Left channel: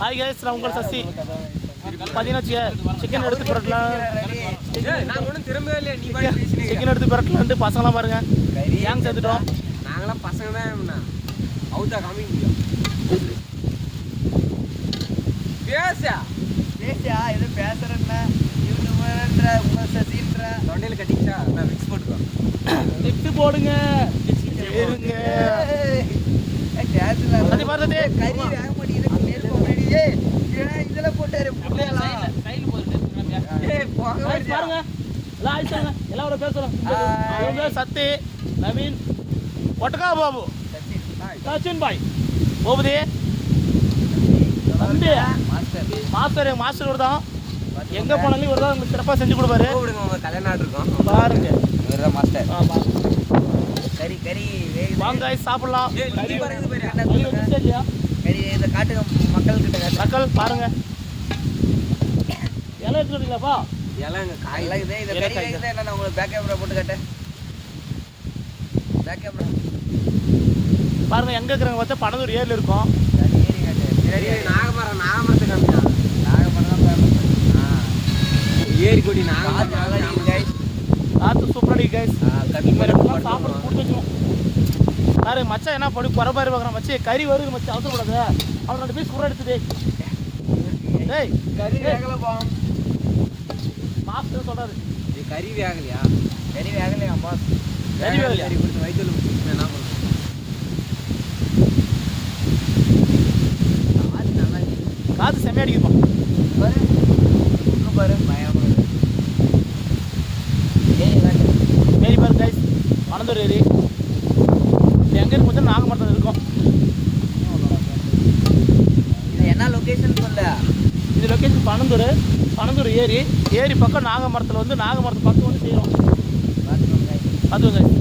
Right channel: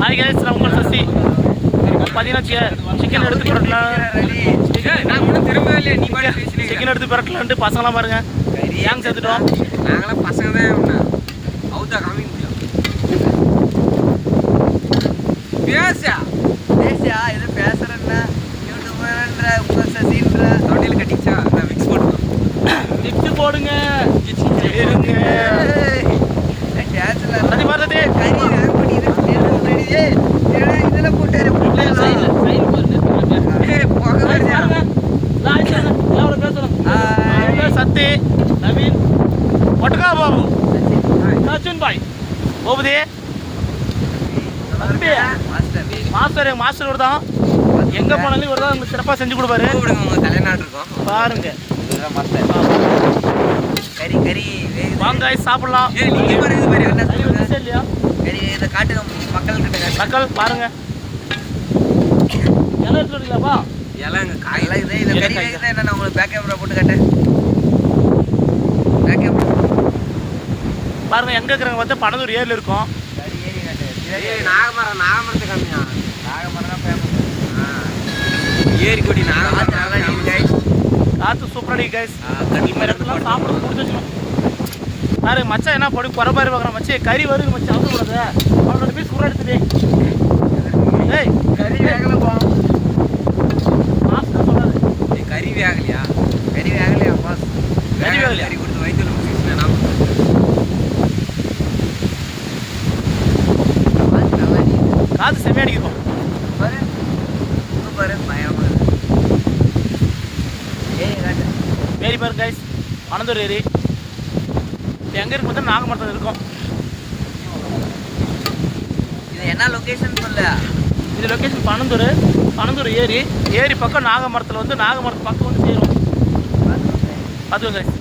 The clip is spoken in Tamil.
ஹாய் கைஸ், நான் உங்கள் சசி. பார்த்தீங்கன்னா சிக்கன் எடுத்து பரட்டலாம், சிக்கன் எடுத்து பரட்டலான்ட்டு பசங்களாம் பாருங்க ஏங்க சேர்த்துட்டோம். நாங்களாம் பசங்க தான் அவுத்தா காமிக்க முடியும். பேசா எது பேசுறேன்னா யூடியூபர்ன்ற உங்கள் சசின்ற தொண்டையில் கட்டிச்சா நான் மிக்ஸ் போட்டுருக்கோம். மிக்ஸ் போடுங்க இருங்க கறி வேக பண்ணி இதெல்லாம் போட்டாரு சத்தி நவீன் ஒட்டகா பாபு சச்சின் பாய் போகுதே தம்பி மாஸ்டர் மாஸ்டர் ஒரு தான் எங்க போனாலும் இவர் தான் சிறப்பாக செஞ்சு கொடுப்பாரு. உங்க தலைநாடு இருக்கும் பாருங்க மாஸ்டர். கறி கறி வாங்க சாப்பிடலாம். இல்லையா கறி இதை காட்டுங்க மக்கள்கிட்ட. மக்கள் பாருங்க இலை எடுத்துருக்கீங்களாப்பா? இலைங்க காயெல்லாம் இதே இதை கறி வேகுதான் என்ன உங்களுக்கு பேக் கேமரா போட்டு காட்டேன். பேக் கேமரா பாருங்க எங்க இருக்கிறவங்க பார்த்து பனதூர் ஏரியில் இருக்கும். நாகமரம் நாகமரத்தை காமிச்சான். நாகமரம் தான் ஏரி கொடி நாகமரம் நல்லா அடிக்குது கைஸ். காற்று சூப்பராக அடிக்குது கைஸ். இந்த மாதிரி இடத்துலாம் சாப்பிட கொடுத்து வச்சுக்கணும். பாரு மச்சான் என்ன படி குறைபாடு பார்க்குறேன் மச்சி. கறி வருது மச்சி அவசரக்கூடாது. அவனோட பீஸ் கூட எடுத்துட்டு ஏய் கறி வேகலை போ மாஸ்டர் சொல்லாது. கறி வேகலையா? கறி வேகலையா பாஸ்? கறி வேகலையா? கறி கொடுத்து வயிற்றுல பிடிச்சி வேணாம். காற்று செம்மையாக அடிக்கிறோம் பாரு இன்னும் பாரு பயமாக ஏரி காட்டு ஏரி பாரு கைஸ், பனந்தூர் ஏரி. இது எங்கே இருக்கு பார்த்தா நாகமரத்தில் இருக்கும். இது என்ன லொக்கேஷன் சொல்ல? இது லொக்கேஷன் பனந்தூர் ஏரி. ஏரி பக்கம் நாகமரத்தில் வந்து நாகமரத்து பக்கம் வந்து சேரும். பார்த்துக்கோங்க கைஸ்.